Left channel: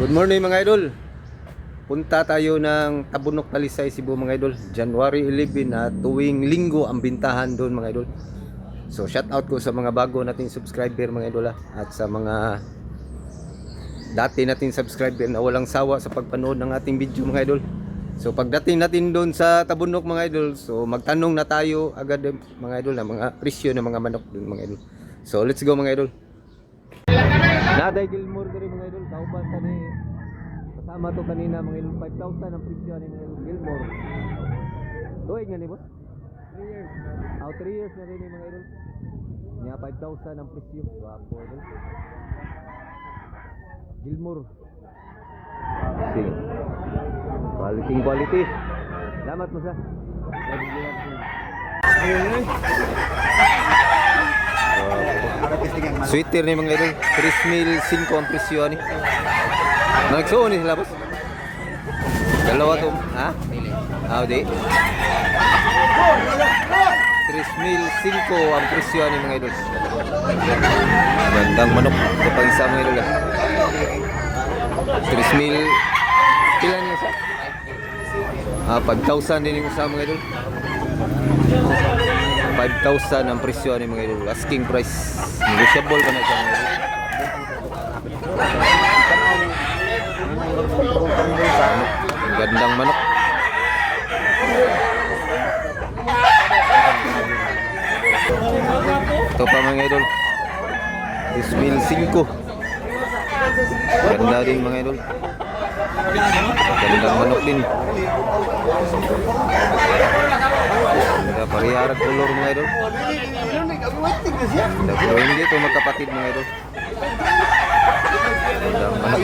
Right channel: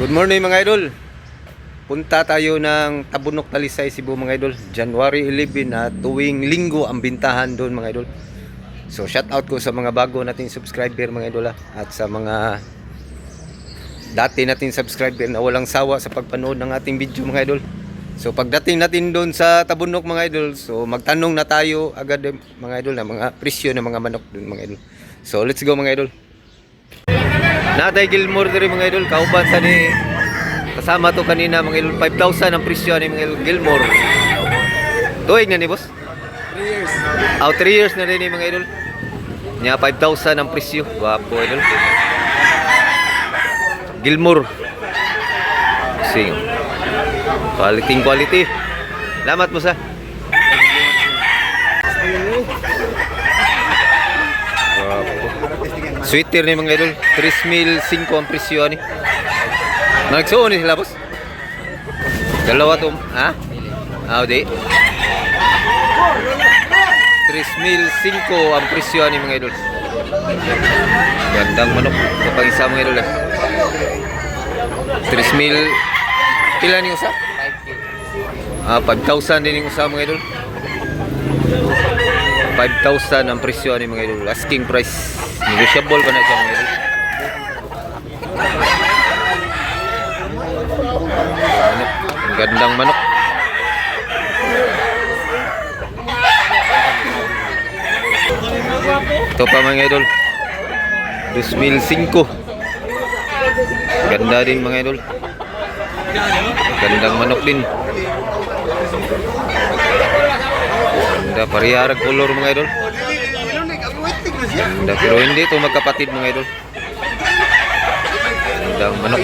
Good morning mga idol. Punta tayo ng Tabunok, Talisay, Cebu mga idol. January 11 na tuwing linggo ang bintahan doon mga idol. So shout out ko sa mga bago nating subscriber mga idol at sa mga dati nating subscriber na walang sawa sa pagpanood ng ating video mga idol. So pagdating natin doon sa Tabunok mga idol, so magtanong na tayo agad mga idol na mga presyo ng mga manok doon mga idol. So let's go mga idol. Natay Gilmore diri mga idol, kauban sa ni kasama to kanina mga idol. 5,000 ang presyo ni mga idol Gilmore. Tuig na ni boss? 3 years. 3 years na rin ni mga idol. Nya 5,000 ang presyo. Wapo idol. Gilmore. Sing. Quality. Salamat mo sa. Wapo. Sweater ni mga idol, 3,500 ang presyo ni. Nagsuon ni sila boss. Dalawa to, ha? Di. 3,500 ang presyo ni mga idol. Gandang manok kapag isa mga idol. 3,000 pila ni usa? 5,000 din yung usa mga idol. 5,000 ang presyo ni mga idol. Asking price. Negotiable pa na siya mga idol. Manok. Ang gandang manok. Ito pa mga idol. 2,500. Ganda din mga idol. Gandang manok din. Ganda parihara color mga idol. Ganda, pero hindi ito magkapatid mga idol. Gandang manok.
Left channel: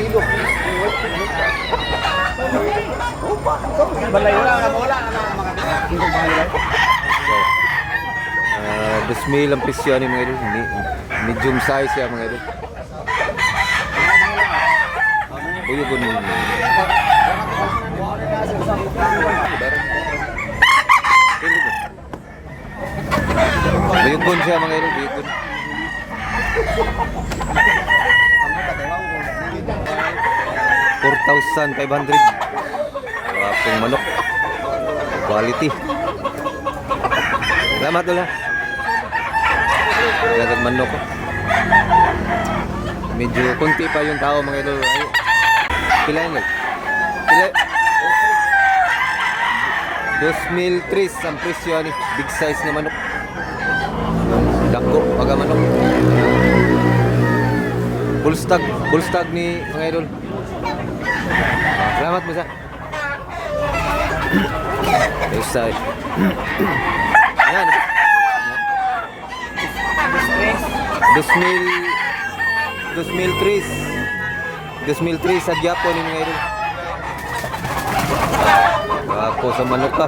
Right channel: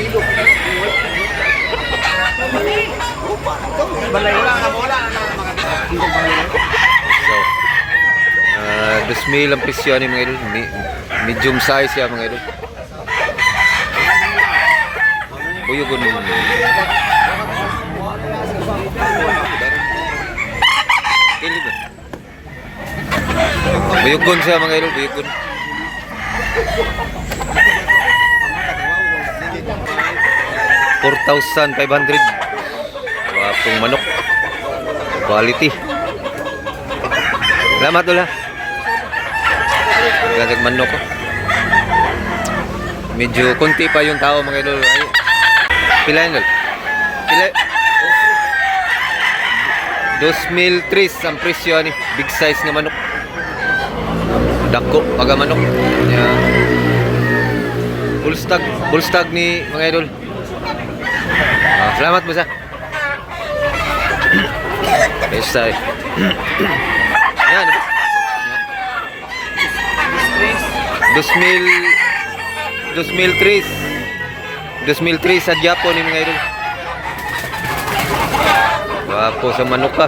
So, 2,000 ang presyo ni mga idol. Medium size ya mga idol. Buyugon. Buyugon siya mga idol, buyugon. 4,500. Wapong manok. Quality. Salamat doon ha. Gagag manok ko. Medyo konti pa yung tao mga idol. Pila yun doon? Pila? 2,300 ang presyo ni. Big size nga manok. Dako paga manok. Yeah. Full stag ni mga idol. Salamat mo sa. Esay. Yan. 2,300 sa Japon ni mga idol. Wapo sa manok ka.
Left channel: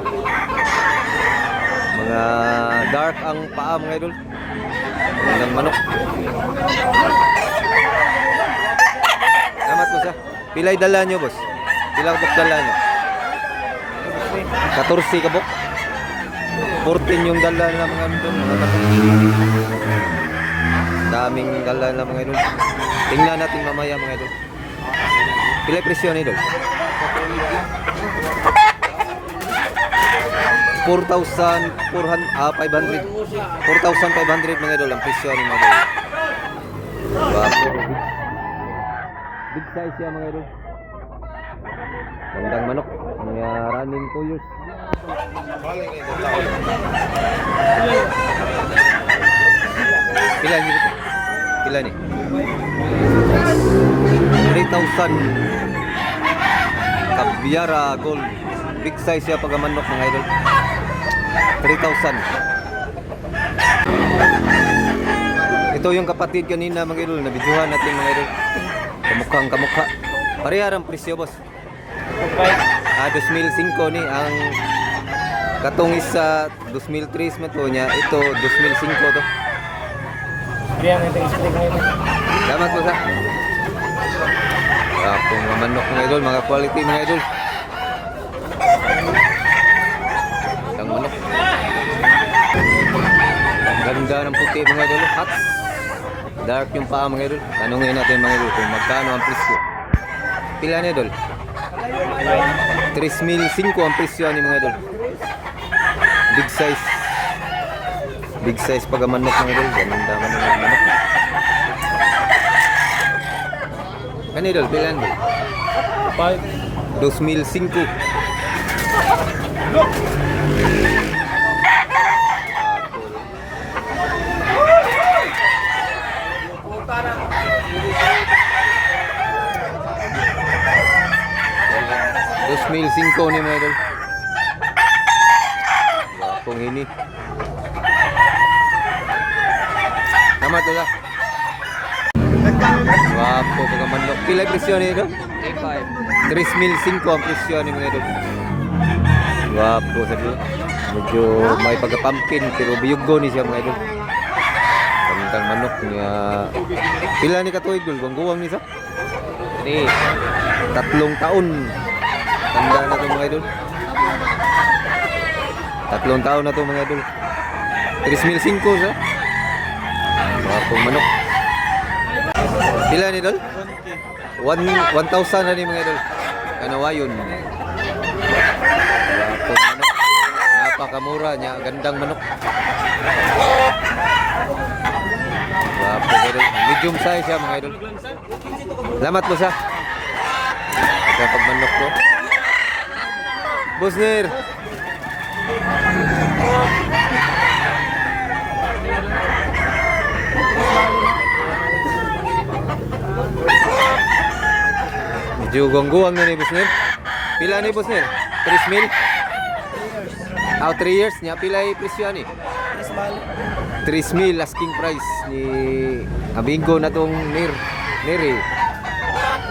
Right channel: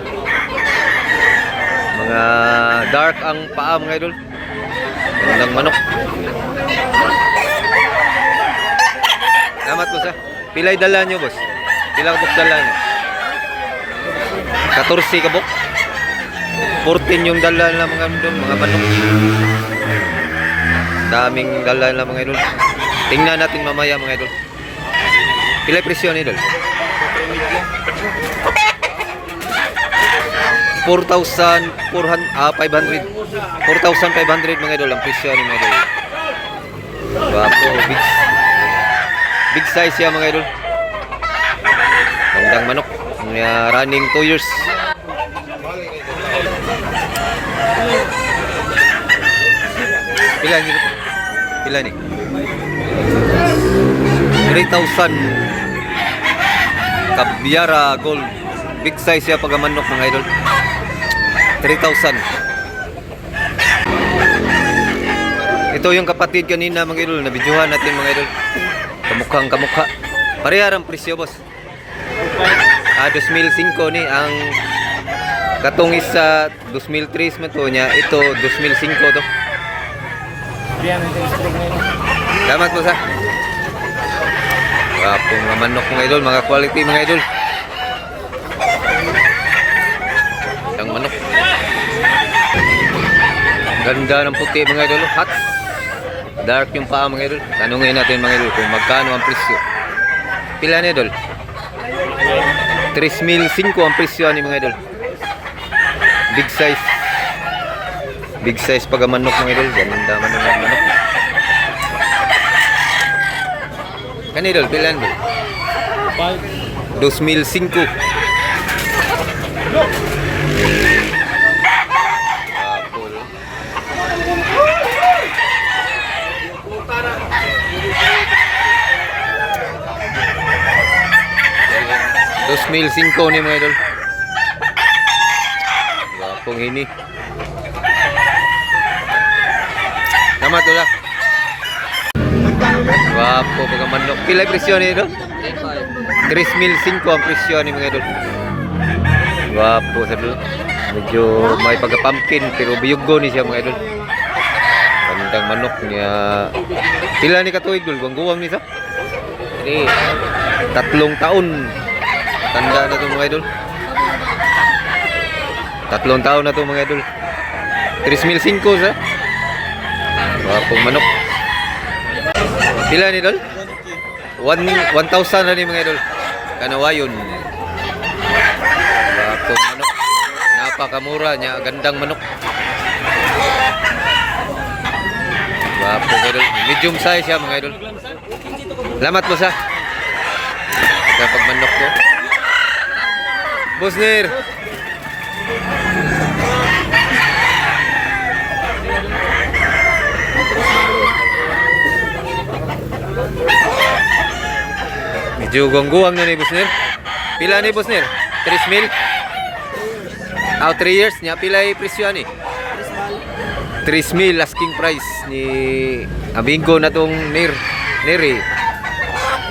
Mga dark ang paa mga idol. Gandang manok. Salamat boss ha. Pilay dala nyo boss? Pilang kabok dala nyo? 14 kabok? 14 yung dala nila mga manok. Daming dala nila mga idol. Tingnan natin mamaya mga idol. Pilay presyo ni idol? 4,500 mga idol ang presyo ni mga idol. Wapo, big size ya mga idol. Gandang manok. Running 2 years. Pila ni? Pila ni? 3,000. Kabyara gold. Big size ya pag manok mga idol. 3,000. Ito yung kapatid kanina mga idol, nabidyohan natin mga idol. Kamukha. Parehara ang presyo boss. 2,500 ni ang katong isa 2,300 man to niya. Ito 2,500 to. Salamat po sa. Wapong mga manok mga idol, mga quality mga idol. Ang manok. Ganda ng puti mga idol, hot. Dark yung paa mga idol. Tanungin natin mga idol kung magkano ang presyo. Pila ni idol? 3,500 ang presyo ni mga idol. Big size. Big size pag manok mga idol. Ganda man ang manok. Kan idol, pila idol? 2,500. Apol. Dos mil cinco ni mga idol. Gapong ini. Namat wala. Wapo pag manok. Pila presyo ni idol? 3,500 ang presyo ni mga idol. Wapo sa idol. Medyo may pagka-pumpkin pero biyugo ni siya mga idol. Gandang manok niya. Pila ni katuig idol? Guwang-guwang ni sa? 3 taon. Tanda na to mga idol. 3 taon na to mga idol. 3,500 sa. Wapong manok. Pila ni idol? 1,000 na ni mga idol. Kanawayon. Wapong manok. Napakamura niya. Gandang manok. Wapong idol. Medium size siya mga idol. Salamat po sa. Kapag manok to. Busner. Medyo guwang-guwang na ni Busner. Pila ni Busner? 3,000? 3 years niya. Pila yung presyo ni? 3,000 asking price ni Abingo na tong Neri.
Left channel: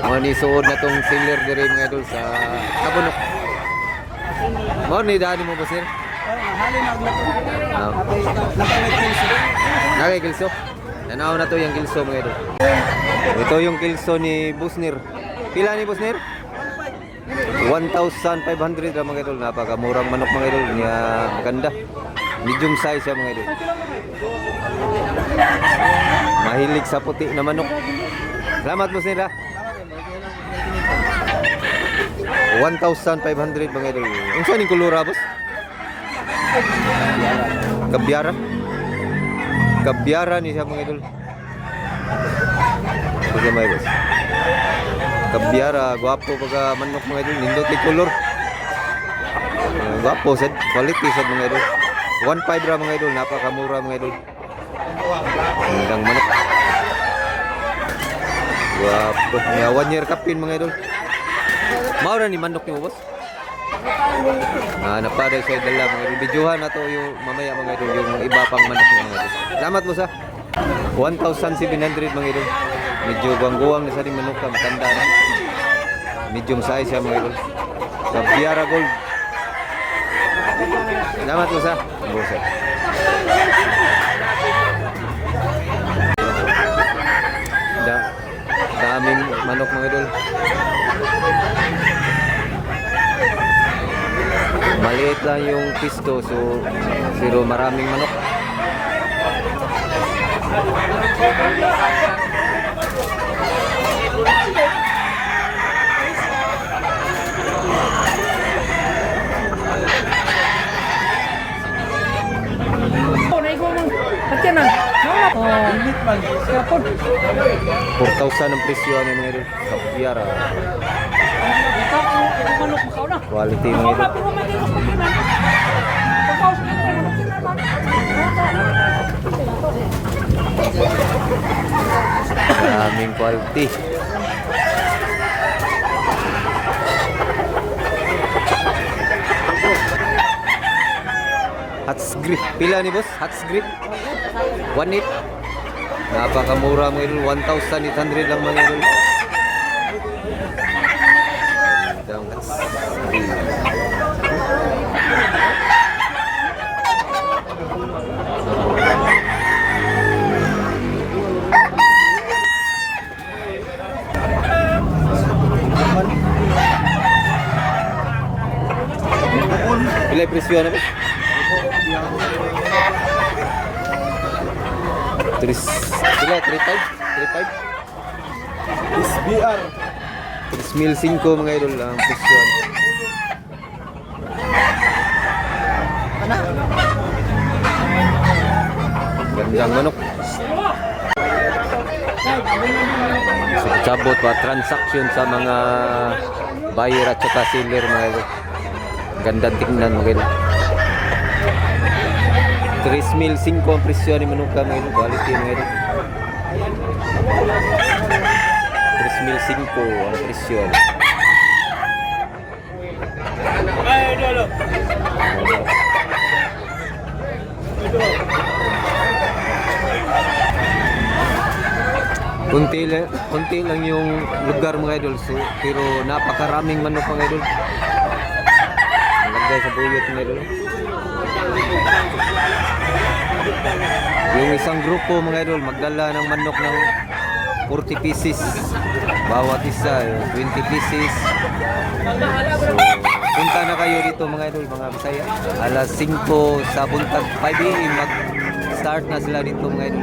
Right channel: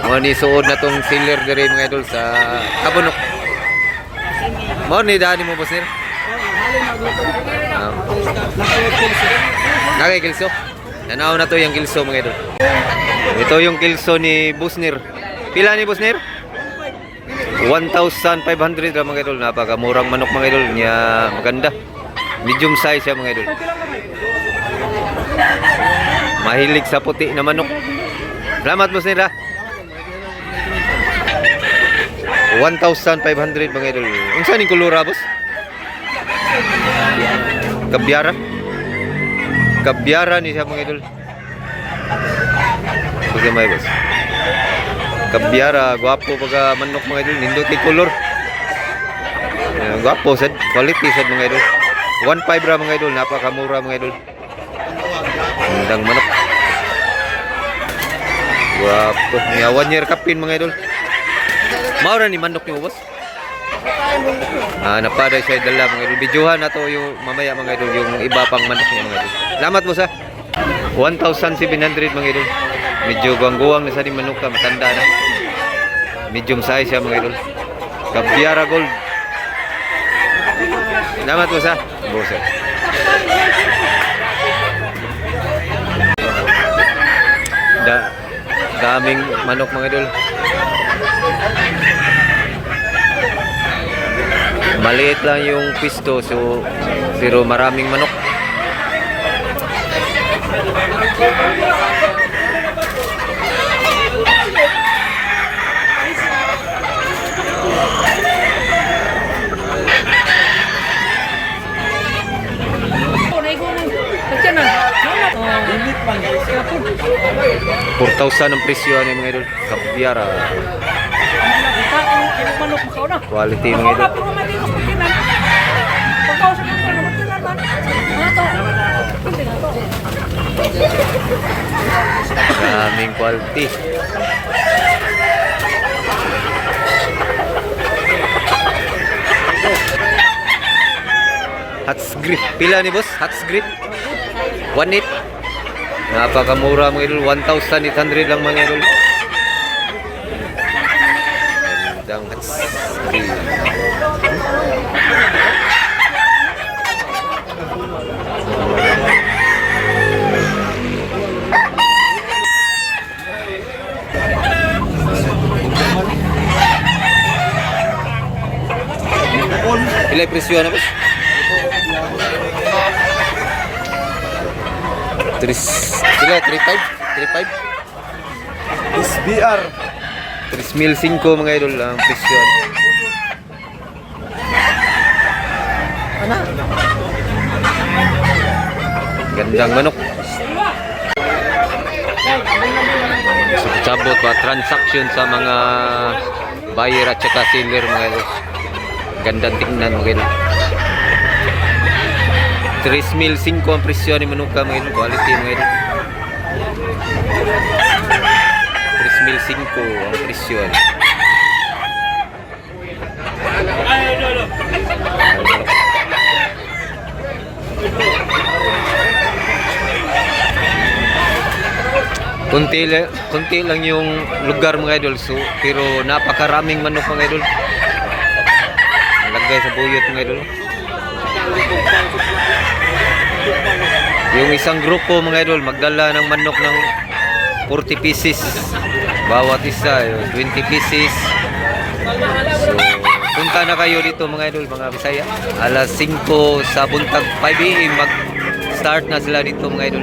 Mga ni suod na tong seller dire mga idol sa Tabunok. Mo ni dani mo boss nir. Nakay kilso. Tanaw na to yung kilso mga idol. Ito yung kilso ni Busnir. Pila ni Busnir? 1,500 ra mga idol. Napakamurang manok mga idol niya, maganda. Medium size siya mga idol. Mahilig sa puti na manok. Salamat Busnir ha. 1,500 mga idol. Unsa ning kulura boss? Kabyara. Kabyara ni siya mga idol. Sige may boss. Kabyara, gwapo pagka manok mga idol. Nindot kay color. Gwapo sad, quality sad mga idol. 1,500 ra mga idol, napakamura mga idol. Gandang manok. Gwapo. Niya 1 year kapin mga idol. Maura ni manok ni boss. Napaday siya dala mga idol. Bidyuhan na to yung mamaya mga idol, yung iba pang manok niya mga idol. Salamat mo sa 1,700 mga idol. Medyo guwang-guwang na sa di manok ka, matanda na. Medium size siya mga idol. Kabyara gold. Salamat mo sa boss. Daming manok mga idol. Maliit lang yung pisto so pero maraming manok. $4,000 ang presyo ni mga idol. Kabyara. Quality mga idol. Daming quality. Hats grip. Pila ni boss? Hats grip. 1,800. Napakamura mga idol. 1,800 lang mga idol. Gandang hats grip. Ilay presyo na boss? 3,500? 3,500? SBR 3,500 mga idol ang presyo. Gandang manok. Sabot pa transaction sa mga buyer at saka seller mga idol. Gandang tingnan mga idol. 3,500 ang presyo ni manuka mga idol. Quality mga idol. 3,500 ang presyo. Kunti lang yung lugar mga idol, so, pero napakaraming manok mga idol. Lagay sa buyot mga idol. Yung isang grupo mga idol magdala ng manok ng 40 pieces bawat isa, 20 pieces. So punta na kayo dito mga idol, mga Bisaya. Alas 5 sa buntag 5 AM mag start na sila dito mga idol.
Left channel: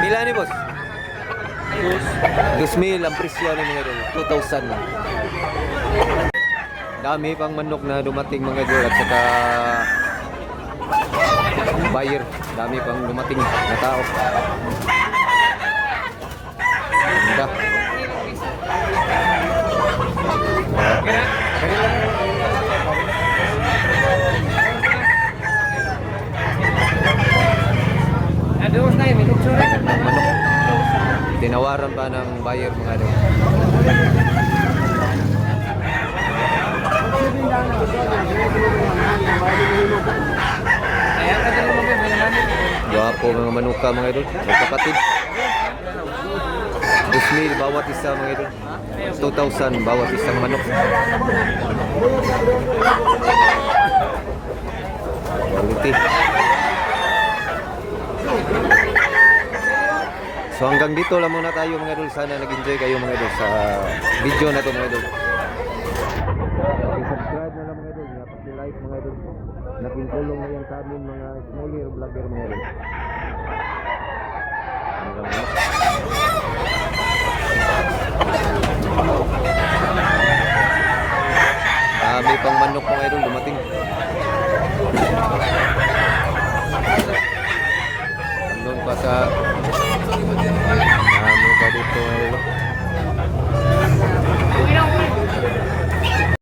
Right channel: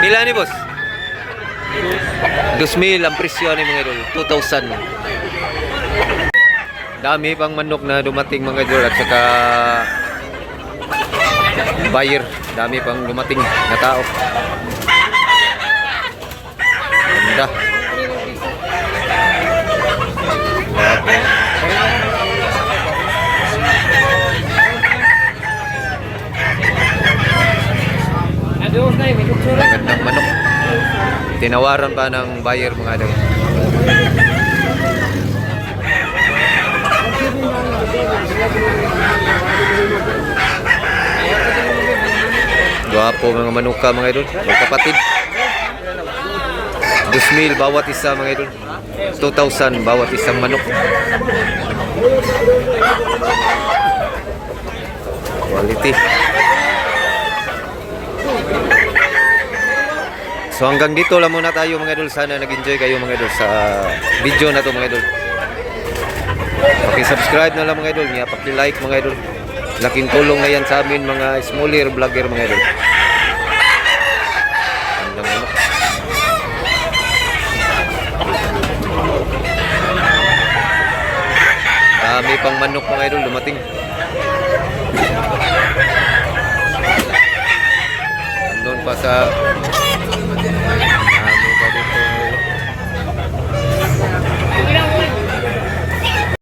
Pila ni boss? 2,000 ang presyo ni mga idol, 2,000. Dami pang manok na dumating mga idol at saka buyer, dami pang dumating na tao. Ganda. Okay. Magandang manok. Tinawaran pa ng buyer mga idol. Gwapo mga manuka mga idol, magkapatid. 2,000 bawat isa mga idol. 2,000 bawat isang manok. Quality. So hanggang dito lang muna tayo mga idol. Sana nag-enjoy kayo mga idol sa video na to mga idol. Paki-subscribe na lang mga idol, paki-like mga idol. Laking tulong na yan sa amin mga smaller vlogger mga idol. Dami pang manok mga idol dumating. Doon pa sa dami pa dito.